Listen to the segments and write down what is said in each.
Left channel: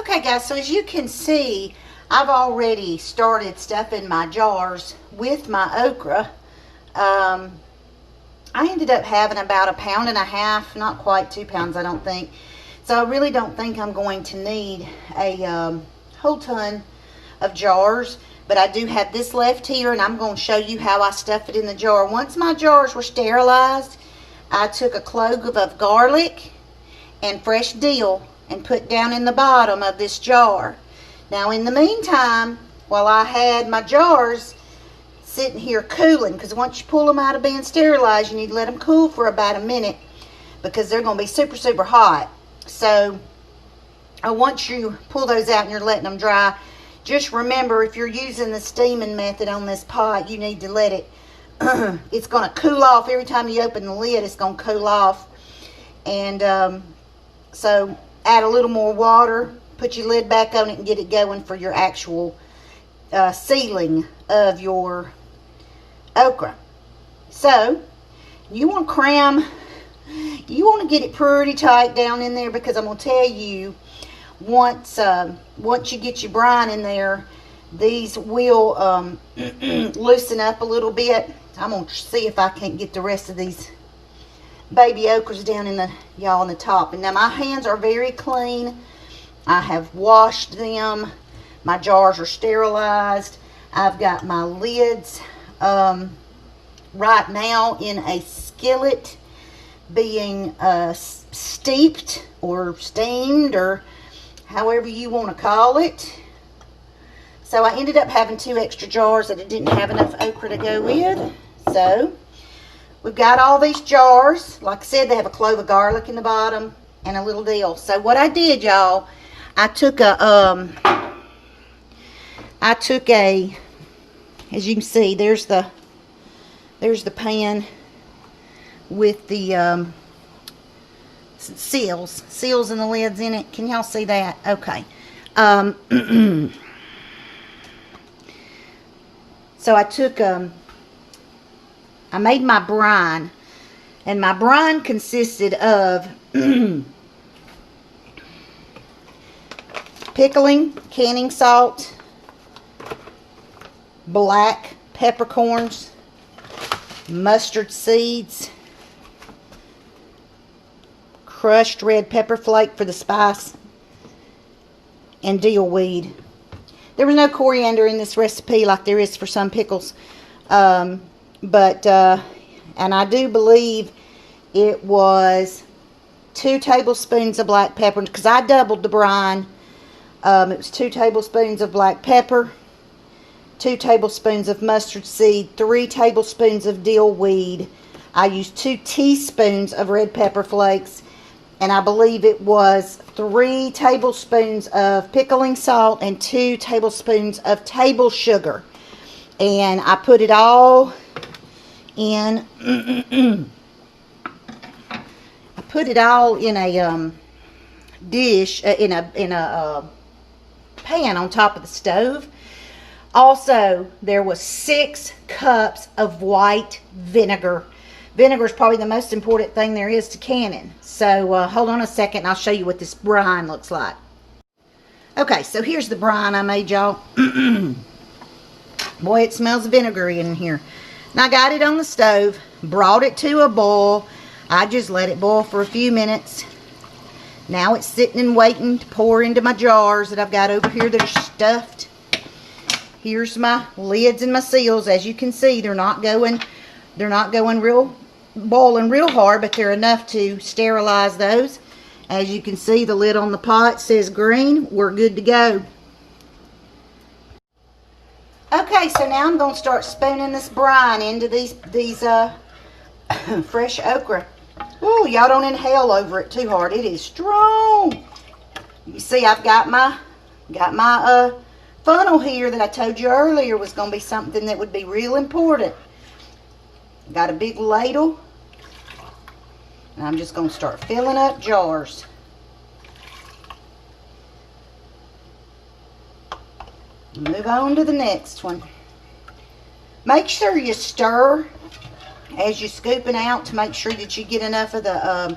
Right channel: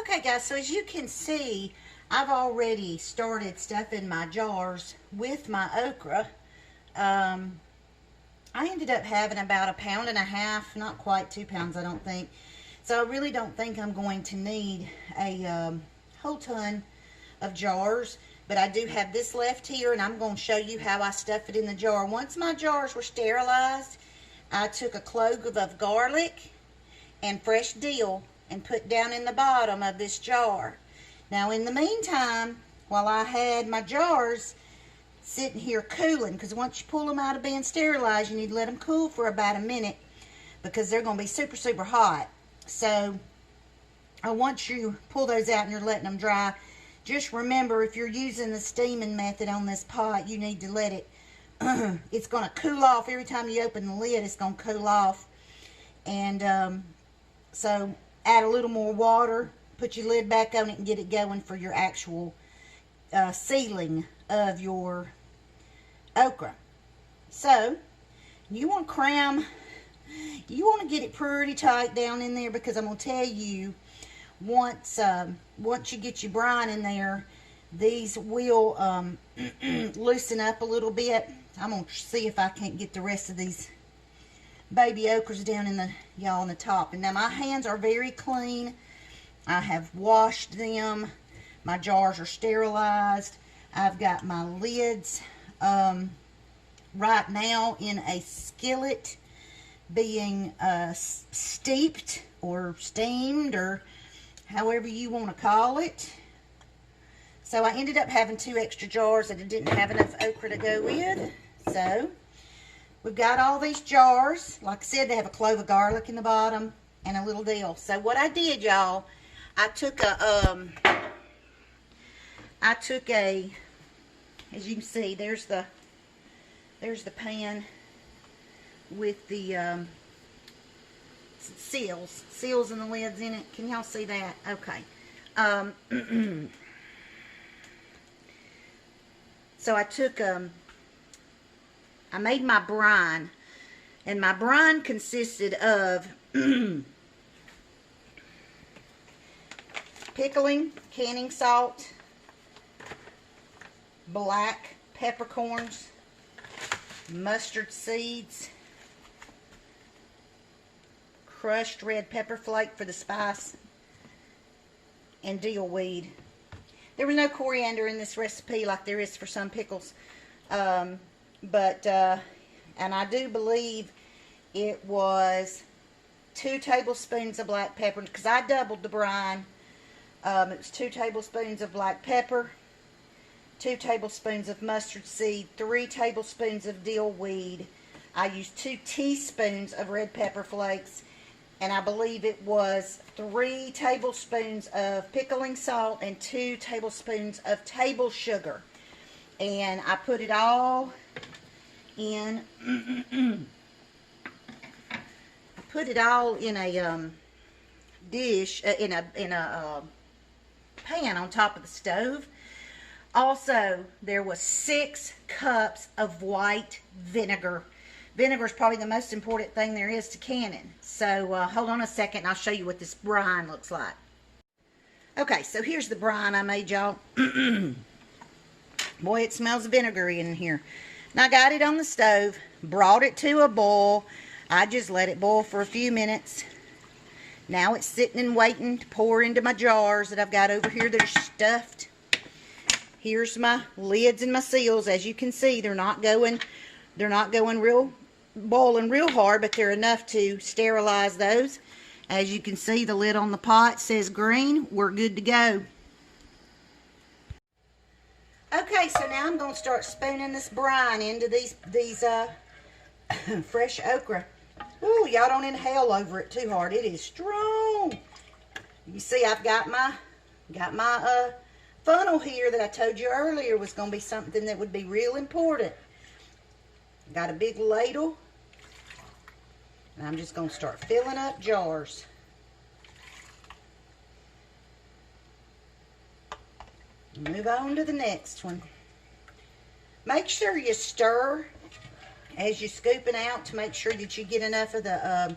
Okay guys, so as you can see, I've already started stuffing my jars with my okra. I ended up having about 1.5 pounds, not quite 2 pounds I don't think. So I really don't think I'm going to need a whole ton of jars. But I do have this left here, and I'm going to show you how I stuff it in the jar. Once my jars were sterilized, I took a clove of garlic and fresh dill and put down in the bottom of this jar. Now in the meantime, while I had my jars sitting here cooling, because once you pull them out of being sterilized, you need to let them cool for about a minute because they're going to be super, super hot. So once you pull those out and you're letting them dry, just remember, if you're using the steaming method on this pot, you need to let it, it's going to cool off. Every time you open the lid, it's going to cool off. And so add a little more water, put your lid back on it, and get it going for your actual sealing of your okra. So you want to cram, you want to get it pretty tight down in there, because I'm going to tell you, once you get your brine in there, these will loosen up a little bit. I'm going to see if I can't get the rest of these baby okras down in the, y'all, in the top. And now my hands are very clean. I have washed them. My jars are sterilized. I've got my lids right now in a skillet being steeped or steamed, or however you want to call it. So I ended up having 2 extra jars that I didn't have enough okra to go with. So we've got all these jars. Like I said, they have a clove of garlic in the bottom and a little dill. So what I did, y'all, I took a, as you can see, there's the pan with the seals and the lids in it. Can y'all see that? Okay. So I took, I made my brine, and my brine consisted of canning salt, black peppercorns, mustard seeds, crushed red pepper flake for the spice, and dill weed. There was no coriander in this recipe like there is for some pickles. And I do believe it was 2 tablespoons of black pepper, because I doubled the brine. It was 2 tablespoons of black pepper, 2 tablespoons of mustard seed, 3 tablespoons of dill weed. I used 2 teaspoons of red pepper flakes, and I believe it was 3 tablespoons of pickling salt and 2 tablespoons of table sugar. And I put it all in, I put it all in a dish, in a pan on top of the stove. Also, there was 6 cups of white vinegar. Vinegar is probably the most important thing there is to canning. So hold on a second and I'll show you what this brine looks like. Okay, so here's the brine I made, y'all. Boy, it smells vinegary in here. And I got it on the stove, brought it to a boil. I just let it boil for a few minutes. Now it's sitting and waiting to pour into my jars that I've got over here that are stuffed. Here's my lids and my seals. As you can see, they're not going boiling real hard, but they're enough to sterilize those. As you can see, the lid on the pot says green. We're good to go. Okay, so now I'm going to start spooning this brine into these fresh okra. Ooh, y'all don't inhale over it too hard. It is strong. You see, I've got my funnel here that I told you earlier was going to be something that would be real important. Got a big ladle, and I'm just going to start filling up jars. Move on to the next one. Make sure you stir as you're scooping out to make sure that you get enough of the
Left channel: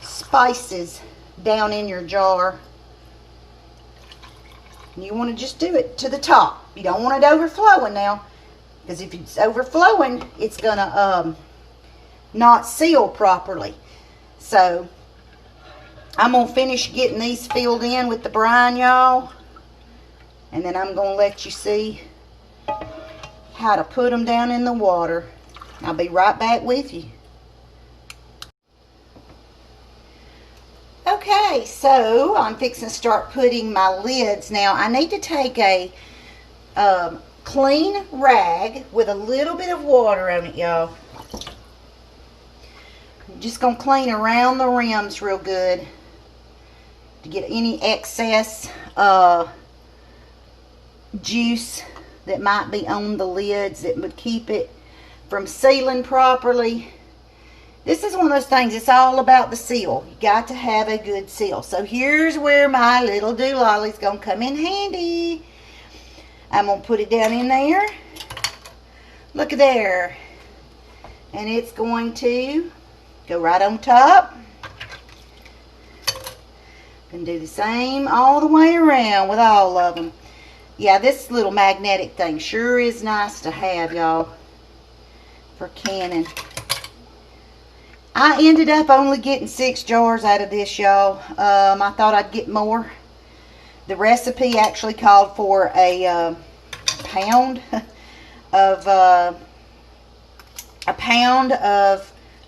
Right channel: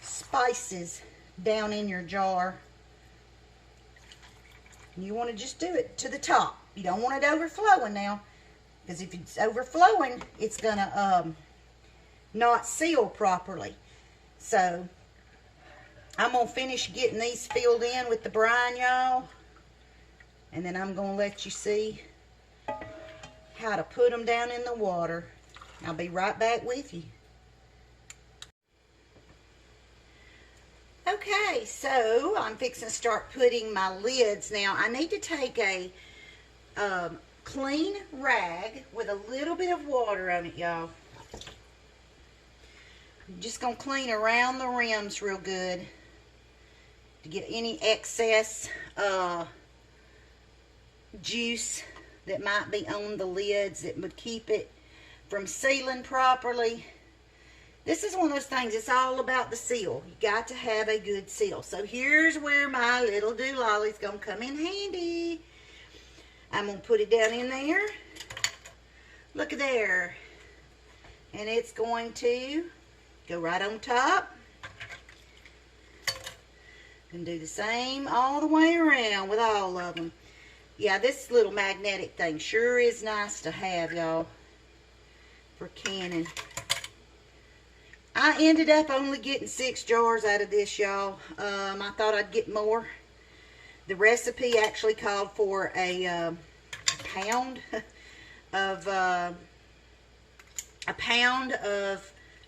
spices down in your jar. You want to just do it to the top. You don't want it overflowing now, because if it's overflowing, it's going to not seal properly. So I'm going to finish getting these filled in with the brine, y'all. And then I'm going to let you see how to put them down in the water. I'll be right back with you. Okay, so I'm fixing to start putting my lids. Now, I need to take a clean rag with a little bit of water on it, y'all. I'm just going to clean around the rims real good to get any excess juice that might be on the lids that would keep it from sealing properly. This is one of those things, it's all about the seal. You got to have a good seal. So here's where my little doololly's going to come in handy. I'm going to put it down in there. Look at there. And it's going to go right on top. And do the same all the way around with all of them. Yeah, this little magnetic thing sure is nice to have, y'all, for canning. I ended up only getting 6 jars out of this, y'all. I thought I'd get more. The recipe actually called for a pound of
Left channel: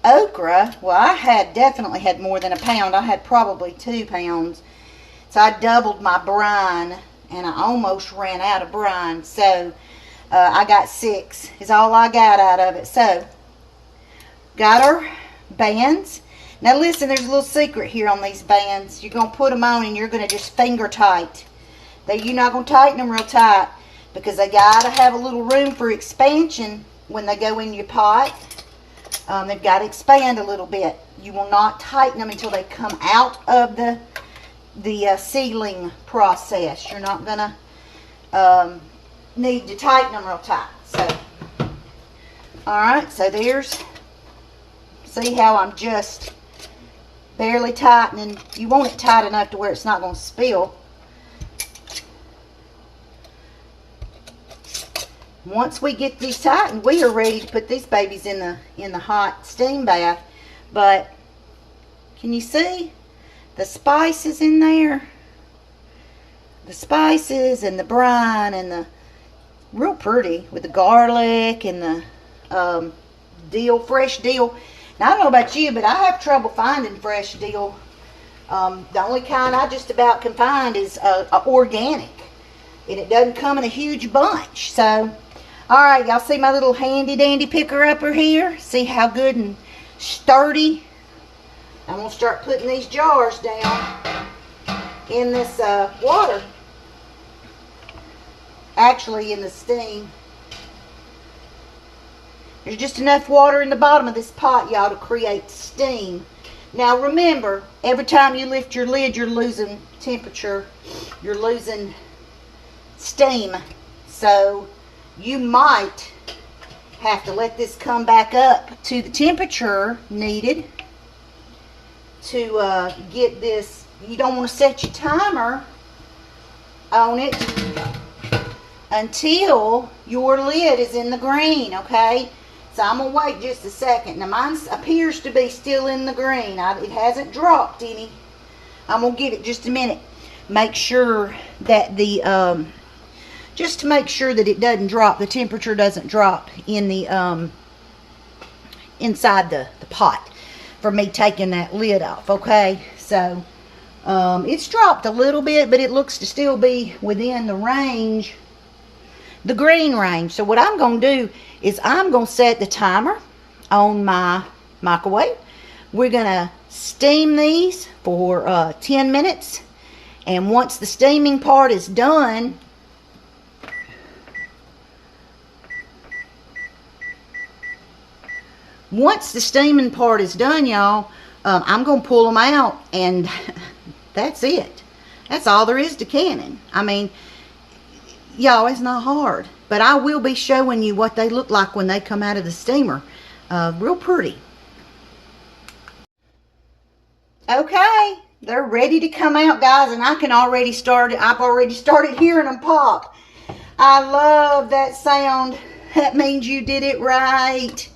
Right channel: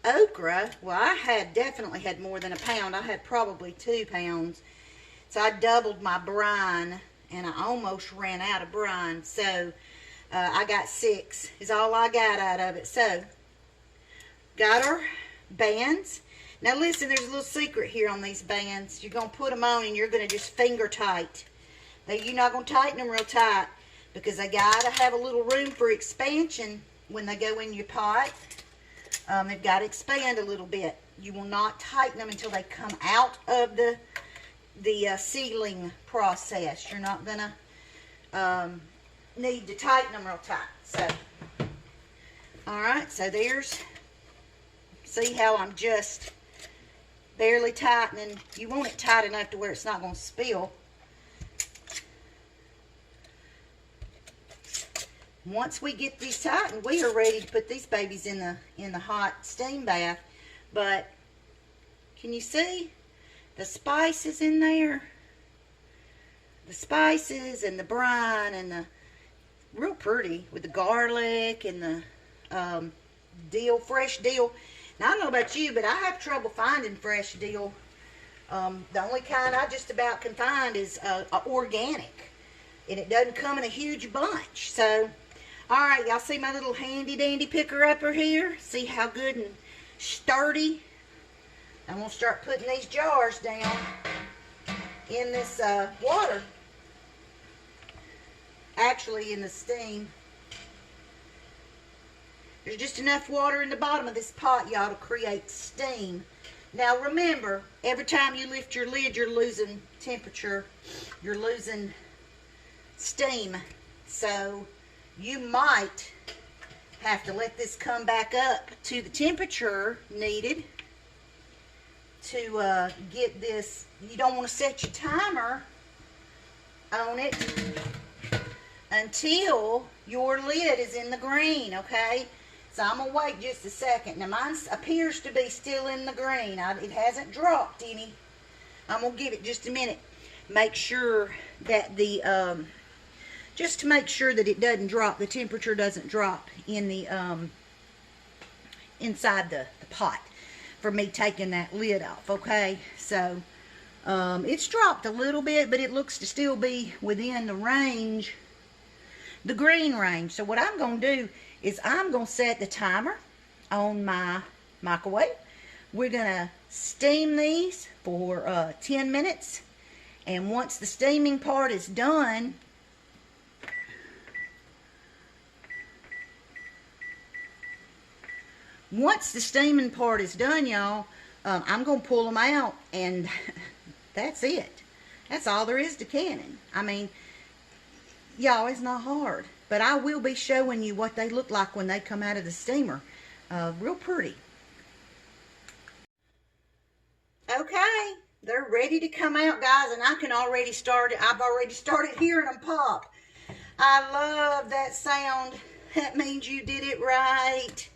okra. Well, I definitely had more than a pound. I had probably 2 pounds. So I doubled my brine, and I almost ran out of brine. So I got 6 is all I got out of it. So got our bands. Now listen, there's a little secret here on these bands. You're going to put them on and you're going to just finger tight. You're not going to tighten them real tight, because they got to have a little room for expansion when they go in your pot. They've got to expand a little bit. You will not tighten them until they come out of the sealing process. You're not going to need to tighten them real tight. So, alright, so there's, see how I'm just barely tightening. You want it tight enough to where it's not going to spill. Once we get these tightened, we are ready to put these babies in the hot steam bath. But can you see the spices in there? The spices and the brine and the real pretty with the garlic and the dill, fresh dill. Now, I don't know about you, but I have trouble finding fresh dill. The only kind I just about can find is organic. And it doesn't come in a huge bunch. So, alright, y'all see my little handy dandy picker-upper here? See how good and sturdy? I'm going to start putting these jars down in this water. Actually, in the steam. There's just enough water in the bottom of this pot, y'all, to create steam. Now remember, every time you lift your lid, you're losing temperature. You're losing steam. So you might have to let this come back up to the temperature needed to get this. You don't want to set your timer on it until your lid is in the green, okay? So I'm going to wait just a second. Now mine appears to be still in the green. It hasn't dropped any. I'm going to give it just a minute. Make sure that just to make sure that it doesn't drop, the temperature doesn't drop in the, inside the pot for me taking that lid off, okay? So, it's dropped a little bit, but it looks to still be within the range, the green range. So what I'm going to do is I'm going to set the timer on my microwave. We're going to steam these for 10 minutes. And once the steaming part is done, y'all, I'm going to pull them out, and that's it. That's all there is to canning. I mean, y'all, it's not hard. But I will be showing you what they look like when they come out of the steamer. Real pretty. Okay, They're ready to come out, guys, and I've already started hearing them pop. I love that sound. That means you did it right.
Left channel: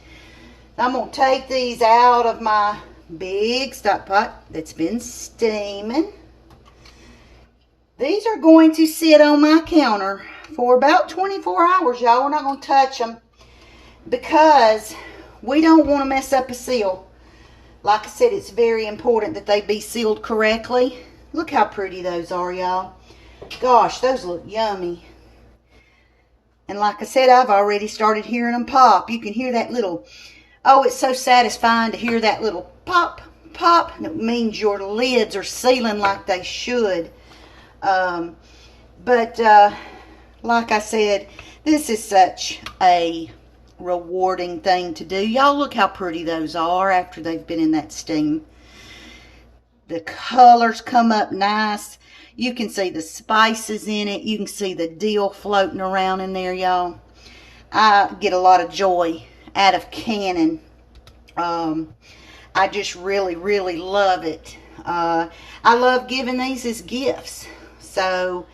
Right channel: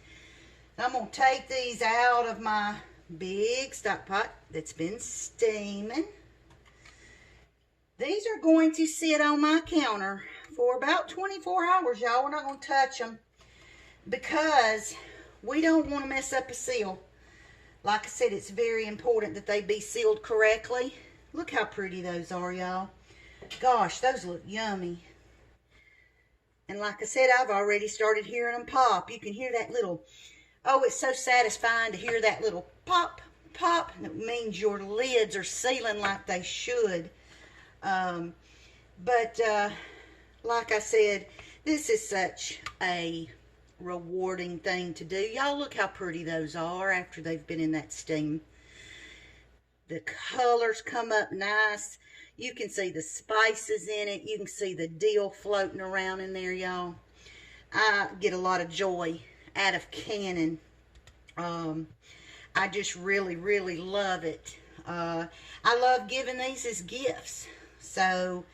I'm going to take these out of my big stock pot that's been steaming. These are going to sit on my counter for about 24 hours, y'all. We're not going to touch them because we don't want to mess up a seal. Like I said, it's very important that they be sealed correctly. Look how pretty those are, y'all. Gosh, those look yummy. And like I said, I've already started hearing them pop. You can hear that little, oh, it's so satisfying to hear that little pop, pop. And it means your lids are sealing like they should. Like I said, this is such a rewarding thing to do. Y'all look how pretty those are after they've been in that steam. The colors come up nice. You can see the spices in it. You can see the dill floating around in there, y'all. I get a lot of joy out of canning. I just really, really love it. I love giving these as gifts. So,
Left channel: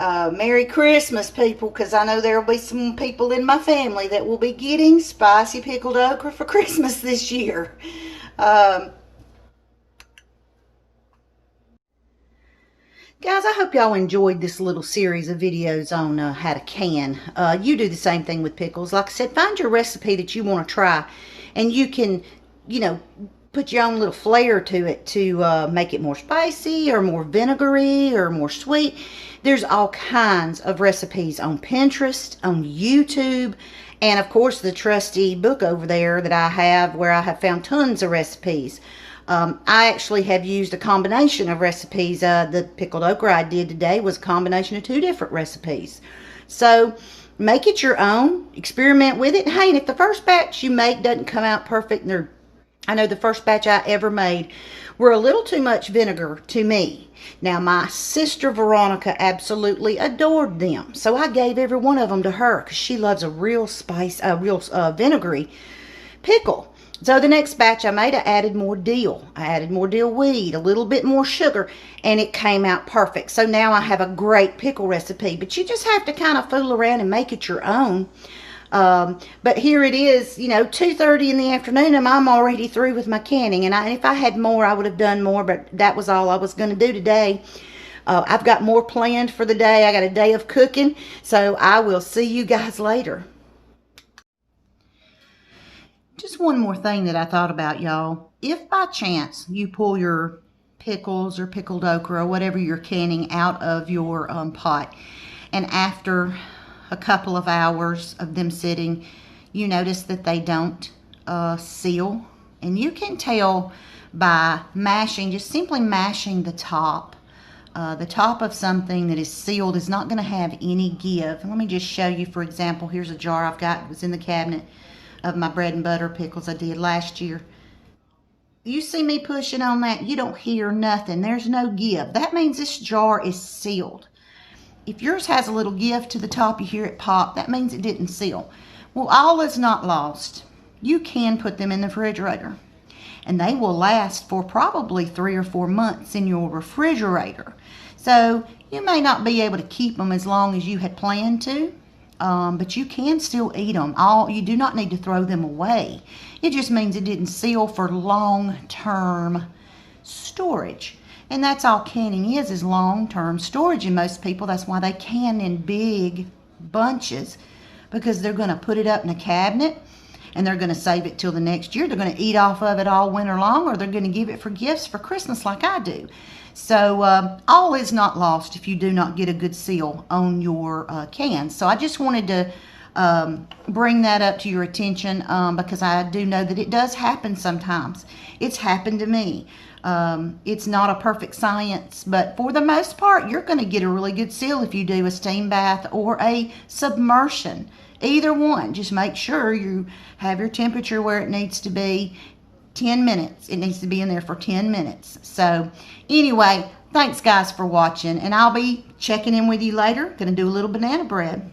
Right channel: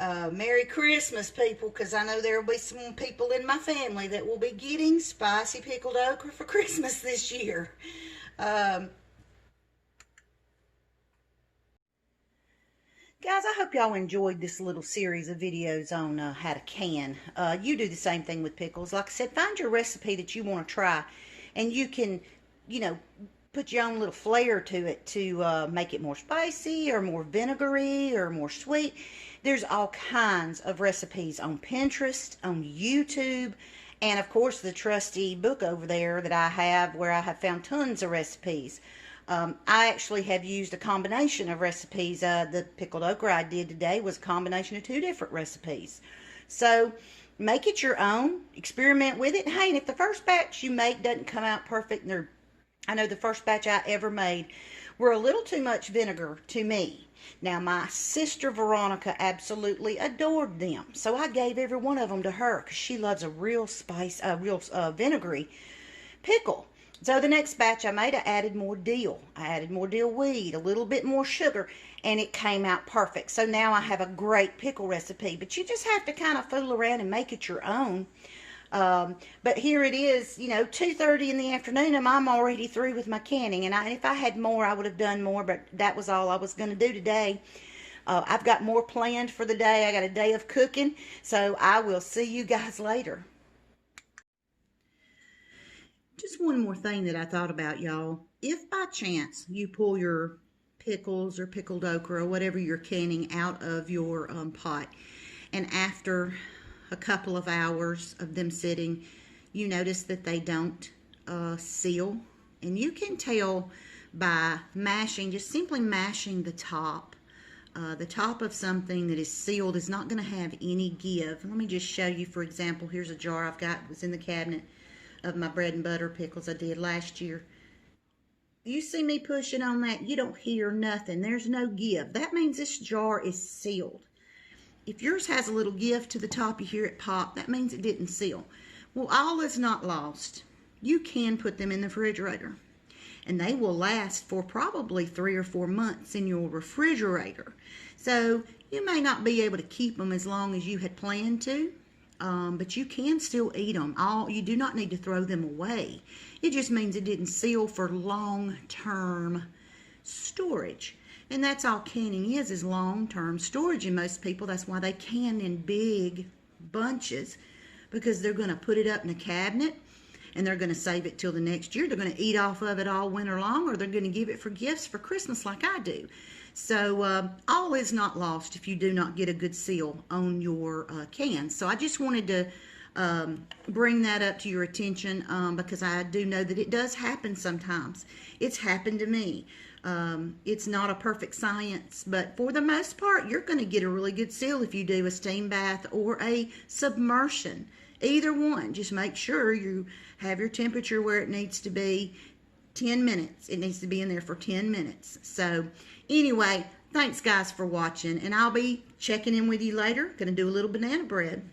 Merry Christmas, people, because I know there will be some people in my family that will be getting spicy pickled okra for Christmas this year. Guys, I hope y'all enjoyed this little series of videos on how to can. You do the same thing with pickles. Like I said, find your recipe that you want to try, and you can, you know, put your own little flair to it to make it more spicy or more vinegary or more sweet. There's all kinds of recipes on Pinterest, on YouTube, and of course the trusty book over there that I have where I have found tons of recipes. I actually have used a combination of recipes. The pickled okra I did today was a combination of 2 different recipes. So make it your own, experiment with it. Hey, and if the first batch you make doesn't come out perfect, and I know the first batch I ever made were a little too much vinegar to me. Now, my sister Veronica absolutely adored them, so I gave every one of them to her because she loves a real vinegary pickle. So the next batch I made, I added more dill. I added more dill weed, a little bit more sugar, and it came out perfect. So now I have a great pickle recipe, but you just have to kind of fool around and make it your own. But here it is, you know, 2:30 in the afternoon, and I'm already through with my canning. And if I had more, I would have done more, but that was all I was going to do today. I've got more planned for the day. I got a day of cooking, so I will see you guys later. Just one more thing that I thought about, y'all. If by chance you pull your pickles or pickled okra or whatever you're canning out of your pot, and after a couple of hours of them sitting, you notice that they don't seal, and you can tell by mashing, just simply mashing the top. The top of something that is sealed is not going to have any give. Let me just show you. For example, here's a jar I've got. It was in the cabinet of my bread and butter pickles I did last year. You see me pushing on that, you don't hear nothing. There's no give. That means this jar is sealed. If yours has a little give to the top, you hear it pop, that means it didn't seal. Well, all is not lost. You can put them in the refrigerator, and they will last for probably 3 or 4 months in your refrigerator. So you may not be able to keep them as long as you had planned to, but you can still eat them. You do not need to throw them away. It just means it didn't seal for long-term storage. And that's all canning is long-term storage. And most people, that's why they can in big bunches, because they're going to put it up in a cabinet and they're going to save it till the next year. They're going to eat off of it all winter long, or they're going to give it for gifts for Christmas like I do. So all is not lost if you do not get a good seal on your cans. So I just wanted to bring that up to your attention because I do know that it does happen sometimes. It's happened to me. It's not a perfect science, but for the most part, you're going to get a really good seal if you do a steam bath or a submersion. Either one. Just make sure you have your temperature where it needs to be. 10 minutes. It needs to be in there for 10 minutes. So anyway, thanks guys for watching, and I'll be checking in with you later. Gonna do a little banana bread.